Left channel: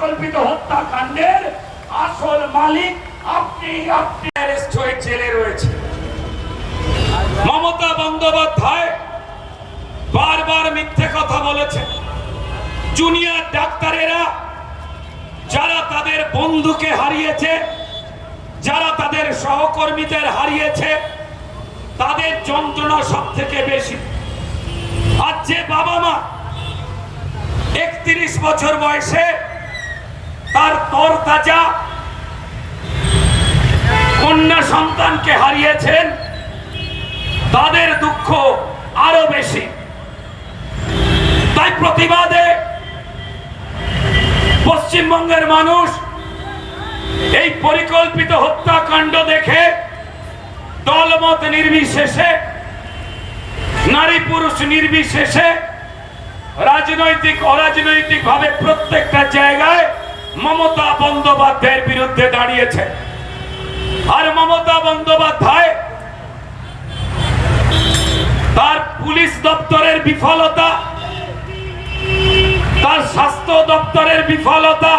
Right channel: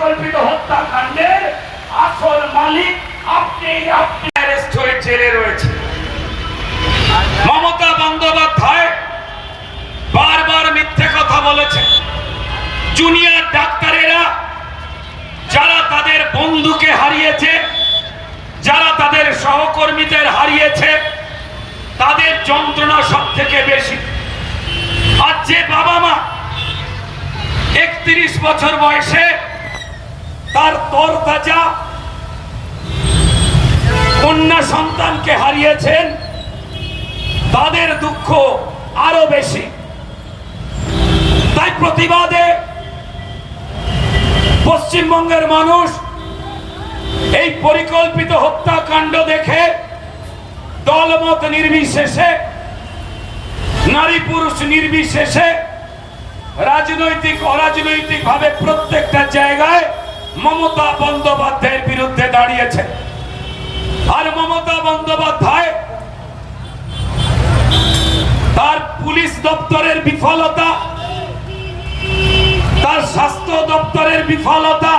পরিকল্পিত হত্যাকাণ্ডের আসল মালিক আপনি অ্যারেস্ট হয়ে জেলে রয়েছে। মমতা বন্দ্যোপাধ্যায় বারবার মিথ্যে কথা বলেছে। জুনিয়র ডাক্তারেরা যারা তাদের বন্ধুকে হারিয়েছে, যারা তাদের সহকর্মীদের হারিয়েছে, তাদের যন্ত্রণা সব থেকে বেশি। আর যে বাবা মা 31 বছর বয়সে তার তরতাজা কন্যা সন্তানকে হারিয়েছেন, তাদের দুঃখ আরো বেশি। তাই প্রতিবাদে পশ্চিমবঙ্গের মানুষ এই পরিকল্পিত হত্যাকাণ্ড দেখে দলমত নির্বিশেষে, নারী পুরুষ নির্বিশেষে, রাজনৈতিক অরাজনৈতিক ভাবে প্রত্যেকটা জায়গায় মমতা বন্দ্যোপাধ্যায়ের বিরুদ্ধে দাঁড়িয়েছে। আর মমতা বন্দ্যোপাধ্যায় তার পুলিশ দপ্তরের বিফলতা, তার স্বাস্থ্য দপ্তরের বিফলতা,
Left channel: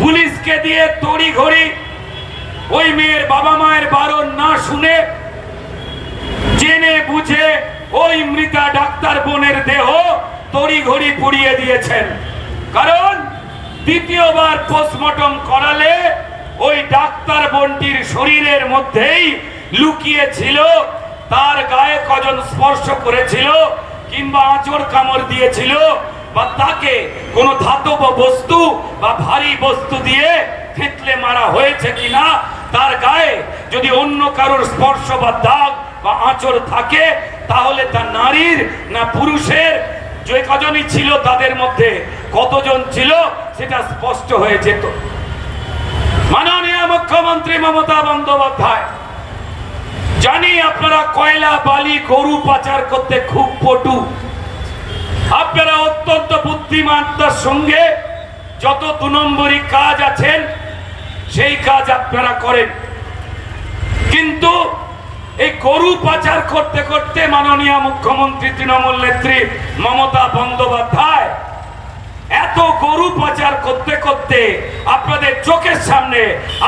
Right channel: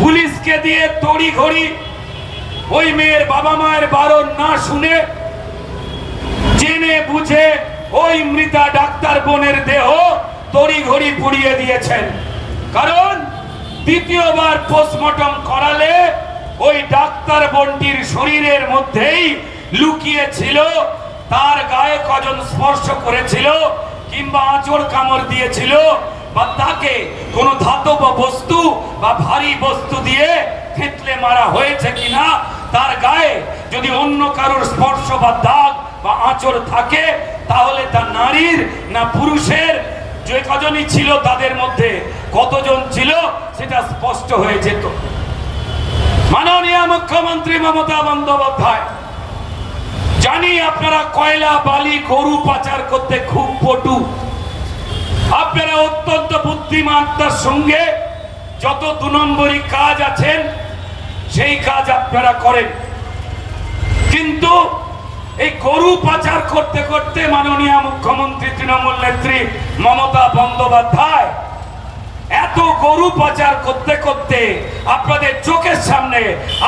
পুলিশকে দিয়ে তড়িঘড়ি ওই মেয়ের বাবা মায়ের বারণ না শুনে জেনে বুঝে ওই মৃতা ডাক্তার বোনের দেহ তড়িঘড়ি পুড়িয়ে দিয়েছেন। কারণ দ্বিতীয়বার পোস্টমর্টম করালে ওই ডাক্তার বোনটির শরীরের মধ্যেই লুকিয়ে ছিল তার গায়ে কজন স্পর্শ করেছিল কিংবা আঁচড় কামড় দিয়েছিল, বা তাকে কোনো ধাতব বস্তু বা ভারী বস্তু দিয়ে থেতলে মারা হয়েছে কিনা, তার গায়ে যদি অন্য কারোর স্পর্শ বা দাগ বা আঁচড় থাকে তাহলে তা নারীর না পুরুষের, যে কজনই ছিল তাদের মধ্যে কতজন ছিল সেটা স্পষ্ট হয়ে যেত। মাননীয় মুখ্যমন্ত্রী মমতা বন্দ্যোপাধ্যায়, জানি আপনারা কয়লা বালি গরু পাচার করতে খুব পটু, আপনারা অত্যন্ত বুদ্ধিমানতার সঙ্গে যত 2 নম্বরী কাজ আছেন সেই কাজ আপনারা করেন। কিন্তু এই গরু পাচার করতে করতে মাননীয় মুখ্যমন্ত্রী তৃণমূল নেত্রী মমতা বন্দ্যোপাধ্যায় এত গরু পাচার করতে করতে আপনাদের চোখের সামনে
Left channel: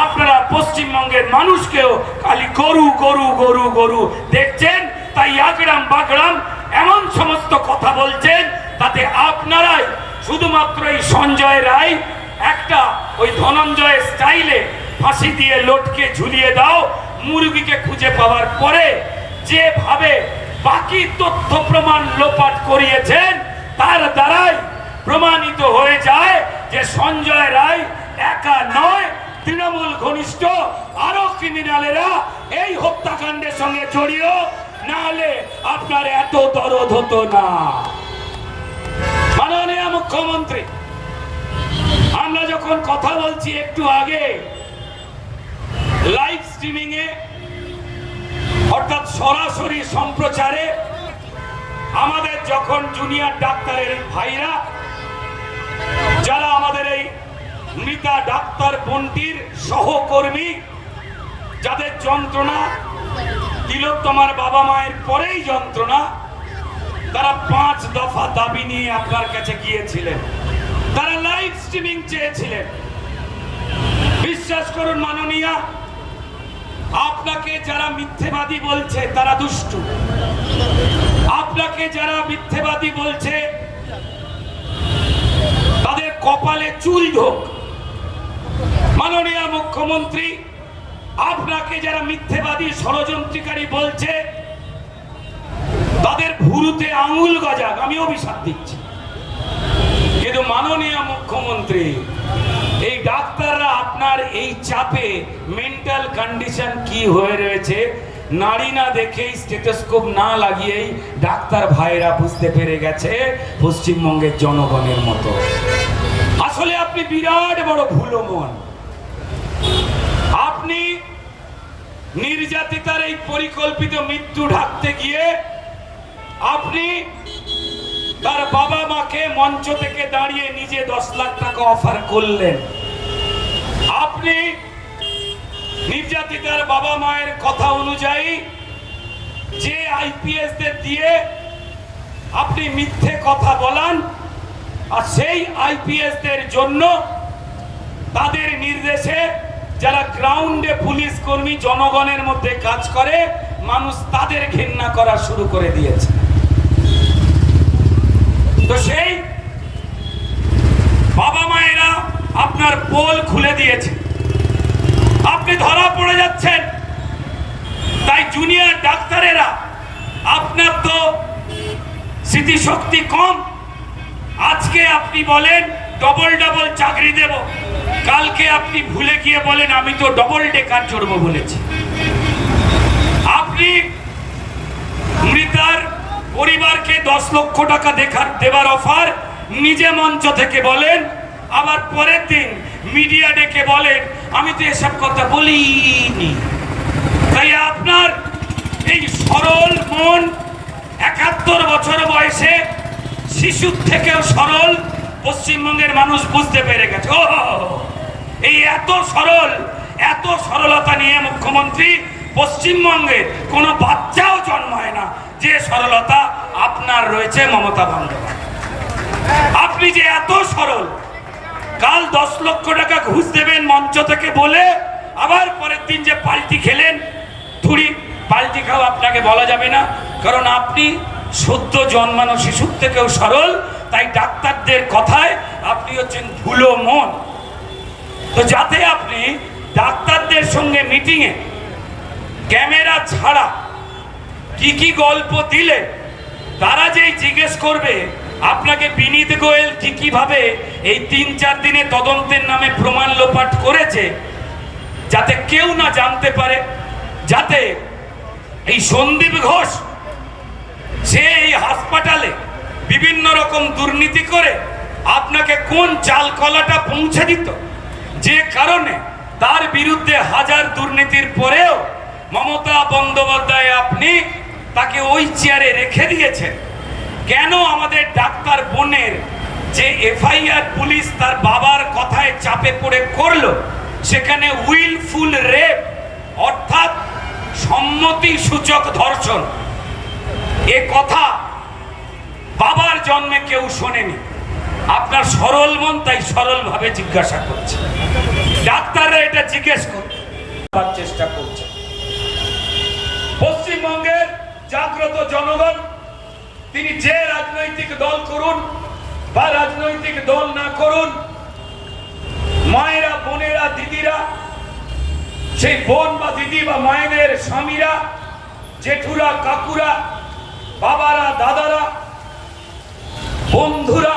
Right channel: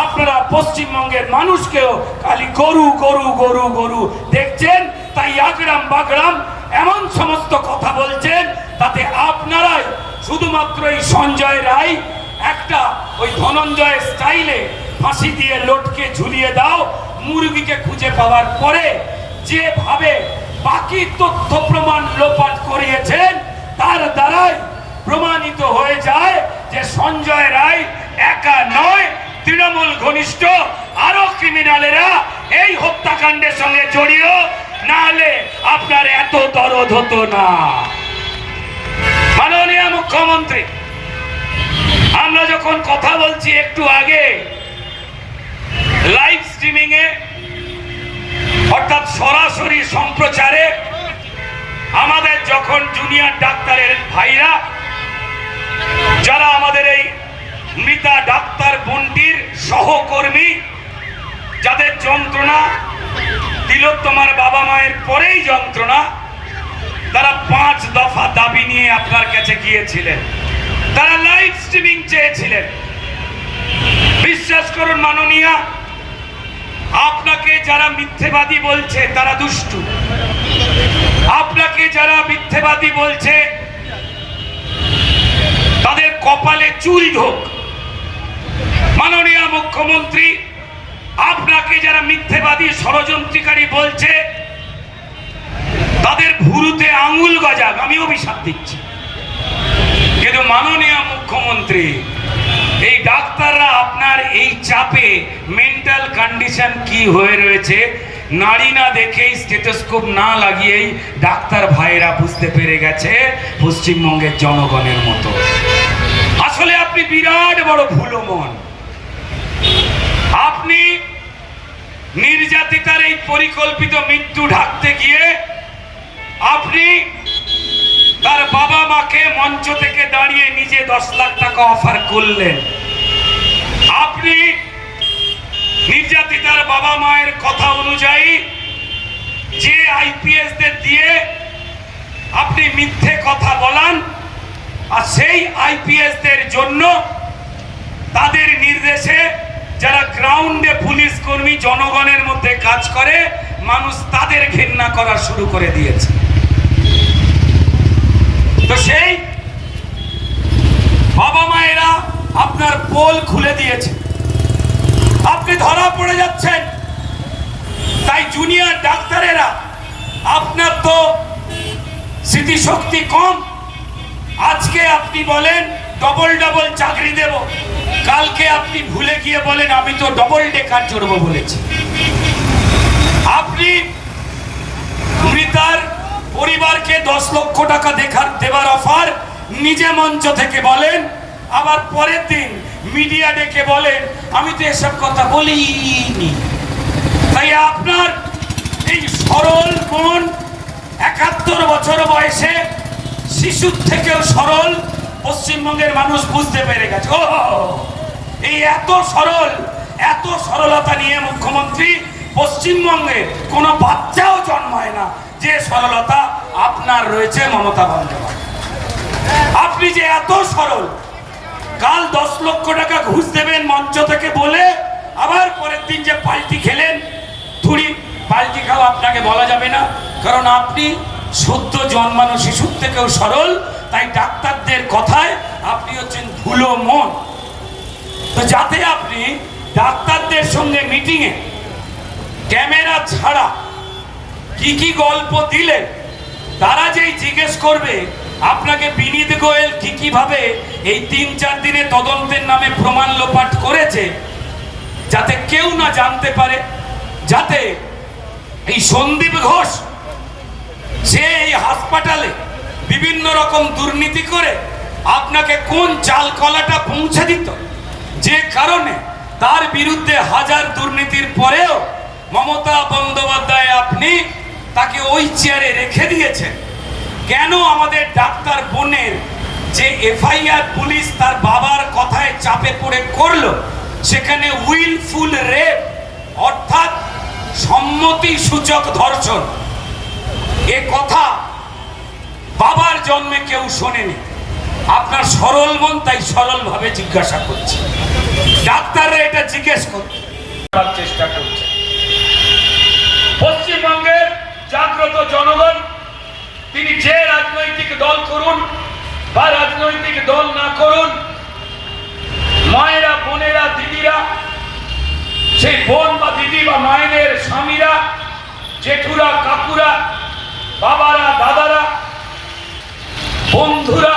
আপনারা পশ্চিমবঙ্গের মানুষকেও খালি গরু গরু গরু গরু দেখছেন, তাই আগড়াম বাগড়াম এমন সমস্ত কথা বলছেন, তাতে আপনারাই শুধুমাত্র এই সঞ্জয় রায় একটা ওই ধনঞ্জয় স্টাইলে ফাঁসি দিয়ে লটকে ঝুলিয়ে দাও মুরগিকে খুঁজে পাওয়ার পরে যেভাবে বাকি তথ্য প্রমাণ লোপাট করিয়েছেন, তার দ্বারাই প্রমাণিত হয়ে যায় যে সঞ্জয় রায় একা নয়, তৃণমূল ঘনিষ্ঠ আরো ক্রিমিনালেরা এই হত্যাকাণ্ডের সঙ্গে জড়িত, না হলে আপনার এত দরদ হতো না। মাননীয় মুখ্যমন্ত্রী, আমরা যখন কথা বলছি একটু আগে লাইভ স্ট্রিমিং এ অর্থাৎ সরাসরি সম্প্রচারে আমাদের যখন জুনিয়র ডাক্তারের ভাইরা যারা আমাদের এই মৃতা ডাক্তার বোনটির সহকর্মী, যাদের যন্ত্রণা তিলোত্তমার বাবা মায়ের পরেই যন্ত্রণা, তারা 5 দফা দাবি নিয়ে আপনার কাছে গিয়েছিলেন, তারা লাইভ স্ট্রিমিং চেয়েছিলেন। বিশ্বাস করুন মাননীয়া, আপনাকে যারা মিথ্যেবাদী বলছে তারা দুষ্টু, আপনাকে যারা মিথ্যেবাদী বলছে তাদের কপালে চুল ঢোক। মাননীয় মুখ্যমন্ত্রী, আপনাকে যারা মিথ্যেবাদী ষড়যন্ত্রকারী বলছে তাদের ভুরুতে আঙুল গজাক, আমি অভিশাপ দিচ্ছি। কিন্তু মাননীয় মুখ্যমন্ত্রী, এই ডাক্তাররা আপনার এই চাপে মেন্টাল কন্ডিশন কি হয়ে রয়েছে নারী না দেখেই, স্টেথোস্কোপ না লাগিয়েই ডাক্তার ভাইরা বুঝতে পেরে গেছে পশ্চিমবঙ্গের জনগণের মতো। আসলে আপনি বিরাট বড় ভুলো মন। আপনি নির্যাতিতার এই পরিকল্পিত মৃত্যু ঢাকতে গিয়ে আপনি তার বাবা মাকে মঞ্চ থেকে দাঁড়িয়ে নিজে 10 লাখ টাকা অফার করলেন। আপনি নির্যাতিতার বাবা মায়ের কথা অনুযায়ী যে আইপিএস দের দিয়ে আপনি মিথ্যে কথা বলান, আর সেই আইপিএসদের জন্য তাদের নির্দেশে যারা গ্রাউন্ডে পুলিশ কর্মী জনগণের মধ্যে কাজ করে, মানুষ তাদের ঘৃণা করা শুরু করে দিয়েছে। তো সেই বাবা মায়েরা আপনার পোল খুলে দিয়েছে, আপনি ধরা পড়ে যাচ্ছেন। তাই জুনিয়র ডাক্তারেরা, আপনার তো স্মৃতিশক্তি কম, আজকে আপনি বলেন ডবল ডবল চাকরি দেব, কালকে আপনি ভুলে গিয়ে বলেন আমি তো ডবল ডেকার চড়বো বলেছি। আপনি মৃতার পরিবারকে 10 লক্ষ টাকা দেবার অফার নিজে মঞ্চ থেকে বলেন, আবার পরের দিন মিডিয়া ডেকে বলেন আমি তো এসব কথা বলিনি। তাই আপনার এই সরল মন 71 বছর বয়সে শিশুর থেকেও সরল পশ্চিমবঙ্গের মানুষ বুঝতে পেরে গেছে। ও এই এত সরলতা নিয়ে মুখ্যমন্ত্রী পশ্চিমবঙ্গে কোনো বাচ্চাও জন্মায় না যে সরলতা আপনার রয়েছে মমতা বন্দ্যোপাধ্যায়। আপনি যে এত সরল, কাল 10 লক্ষ টাকা ঘুষ দেবেন মঞ্চ থেকে বলে আবার পরের দিন যে পাল্টি খেলেন, থুড়ি পাল্টি খাওয়া আপনাকে বলা যাবে না, কারণ আপনি সদ্য জন্মানো শিশুর থেকেও সরল। তাই ডাক্তারদের কথায় আপনি হচ্ছেন ভুলো মন। তো যাতে আপনি ডাক্তারদের সঙ্গে মিটিংয়ে ক্যামেরা ছাড়া কি কি গল্প দিলে তারা যেই জিজ্ঞেস করবে আপনাকে বিনীত গোয়েল কি ভাবে এই 3-4 দিনে তদন্তের নামে প্রমাণ লোপাট করেছে, যাতে কেউ না জানতে পারে, যাতে এই সন্দীপ ঘোষ সে এই হাসপাতালে বিভিন্ন রকম দুর্নীতি করে আপনাকে কোন চাল কলাটা পৌঁছে দিত, যে কারণে তার বিরুদ্ধে হাজার দুর্নীতির পরেও মমতা বন্দ্যোপাধ্যায় আপনি তাকে ওই চেয়ারে রেখে দিয়েছেন। কেন আমাদের ডাক্তার বোনের যে এফআইআর পুলিশ তার বাবার কথায় চাপে পড়ে করলো, সেখানে উইলফুল রেপ অর্থাৎ সম্মতি সূচক ধর্ষণ, এ কথা বাবার জন্মে কেউ শোনেনি। আপনার সরল মন, তাই সরল ভাবে জিজ্ঞাসা করছে, ডাক্তাররা এটা জিজ্ঞেস করছে, চেষ্টা করছে। পশ্চিমবঙ্গের জাগ্রত জনগণ, তিনি যে রাজনৈতিক দল করুন বা রাজনৈতিক দল না করুন, মায়েরা, বোনেরা, দিদিরা, সেই বোন বা দিদি বা মায়ের স্বামীরা, জেঠুরা, কাকুরা, বাবারা, দাদারা, বন্ধুরা,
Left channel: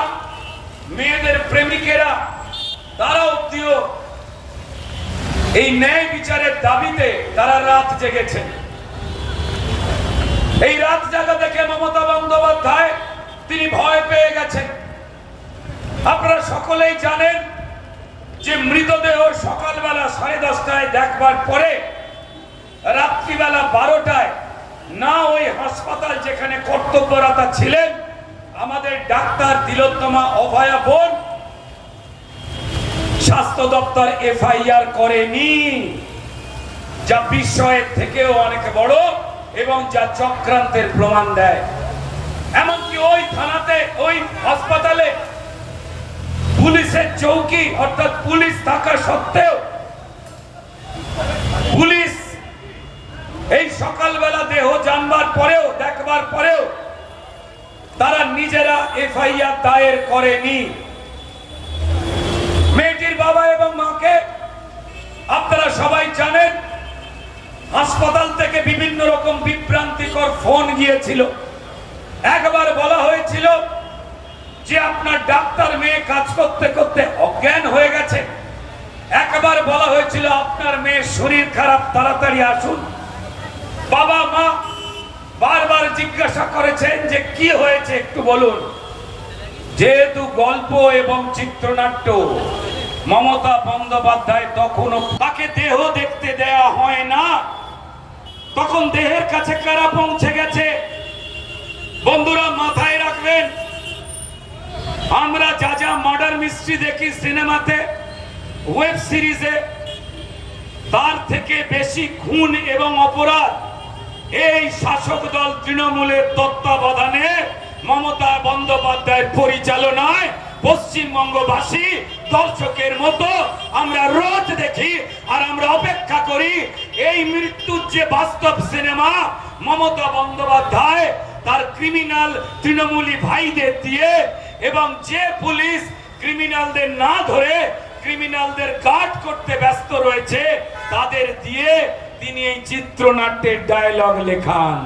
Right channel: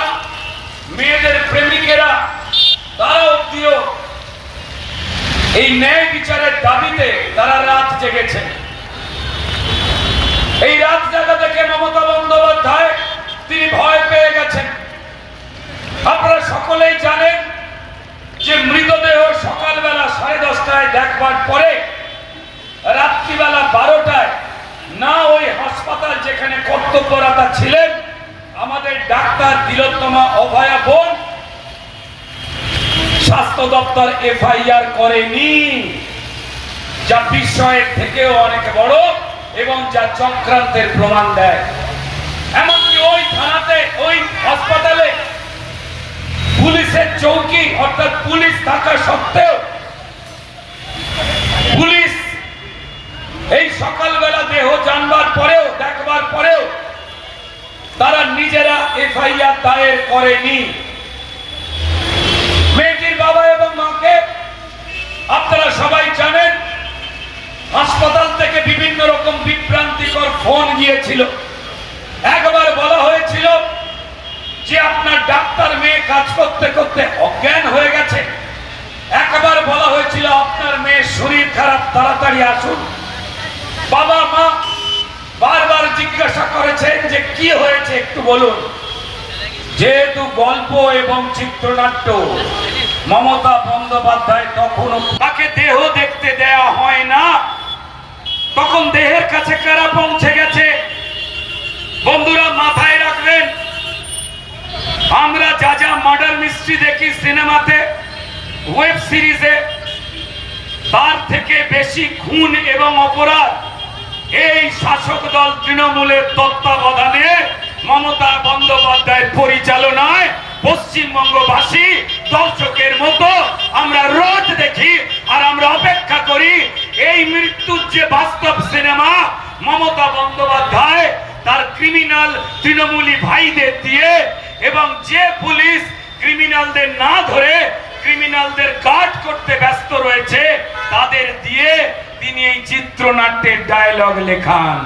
মেয়েদের প্রেমিকেরা, তারা অব্দিও এই ন্যায় বিচারের দাবিতে তারা রাত জেগেছেন। এই রাত জাগা দেখে মমতা বন্দ্যোপাধ্যায় তিনি ভয় পেয়ে গেছেন। আপনারা সকলেই জানেন যে মৃতদেহ সকালবেলা 10:30টায় দেখবার পরে রাত্রিবেলা 12টায় না ওই হাসপাতাল যেখানে কর্তব্যরতা ছিলেন আমাদের ডাক্তার তিলোত্তমা অভয়া বোন, স্বাস্থ্য দপ্তর এফআইআর করেনি, যা বিস্ময়ের থেকেও অনেক বড় এবং যা চক্রান্তের প্রমাণ দেয়। এমনকি ওই থানাতে, ওই হাসপাতালে পুলিশের চৌকি অর্থাৎ পুলিশ থাকা সত্ত্বেও পুলিশ এই সকালবেলা দেহ জানবার পরেও, দেখবার পরেও তারা নিজেরা এফআইআর দায়ের করেনি। মেয়েটির বাবা এবং মাকে আপনারা সবাই জানেন, হাসপাতাল থেকে বিভিন্ন রকম বিভ্রান্তিকর ফোন গিয়েছিল। একবার বলা হয়েছিল যে আপনার ডাক্তার মেয়ে কাজ করতে করতে অজ্ঞান হয়ে গেছে, একবার বলা হয়েছিল আপনার মেয়ের শরীর খারাপ, তাড়াতাড়ি আসুন। বাবা মা বারবার জিজ্ঞাসা করেছেন যে কি হয়েছে একটু বলুন। যেহেতু গল্প এবং চিত্রনাট্য, মমতা বন্দ্যোপাধ্যায় তখনও তাকে দেহ দেখতে দেয়া হয় না, তখন দেহের কাছে কারা পৌঁছে গেছে। বন্ধুরা মাথায় রাখবেন, আমরা যা যা মার্ডার মিস্ট্রি দেখি সিনেমাতে, ওয়েব সিরিজে, তার থেকে বেশি খুন এবং অপরাধ এই শাসক দল তৃণমূলের তত্ত্বাবধানে মমতা বন্দ্যোপাধ্যায়ের পরিচালনায় পশ্চিমবঙ্গবাসী দর্শকের মতো আমরা রোজ দেখি আর আমরা অপেক্ষা করি এই মৃত্যুর যে বাস্তব সিনেমা মমতা বন্দ্যোপাধ্যায় তার ক্রিমিনাল তৃণমূলী ভাইদের দিয়ে এবং যে পুলিশ ক্রিমিনালদের না ধরে ক্রিমিনালদের গার্ড করতে ব্যস্ত রয়েছে তাদের দিয়ে তিনি এই চিত্রনাট্যের ডায়লগ লেখান।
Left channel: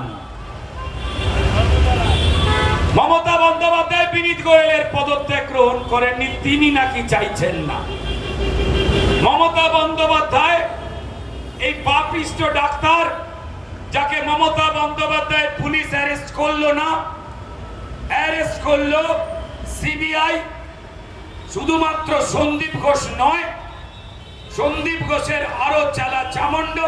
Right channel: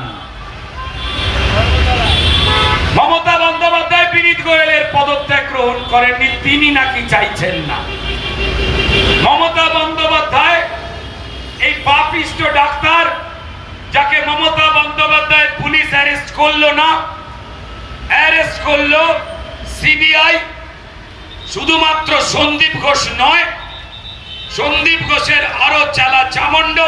মমতা বন্দ্যোপাধ্যায় বিনীত গোয়েলের পদত্যাগ গ্রহণ করেননি, তিনি নাকি চাইছেন না। মমতা বন্দ্যোপাধ্যায় এই পাপিষ্ট ডাক্তার যাকে মমতা বন্দ্যোপাধ্যায় পুলিশ অ্যারেস্ট করলো না, অ্যারেস্ট করলো সিবিআই। শুধুমাত্র সন্দীপ ঘোষ নয়, সন্দীপ ঘোষের আরো চালা চামুন্ড